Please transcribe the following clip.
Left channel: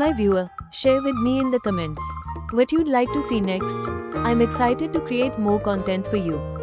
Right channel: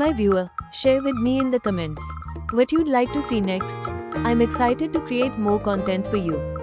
my viewer, share with me in the comments what you'd like to see next. I'm excited to create more content for you.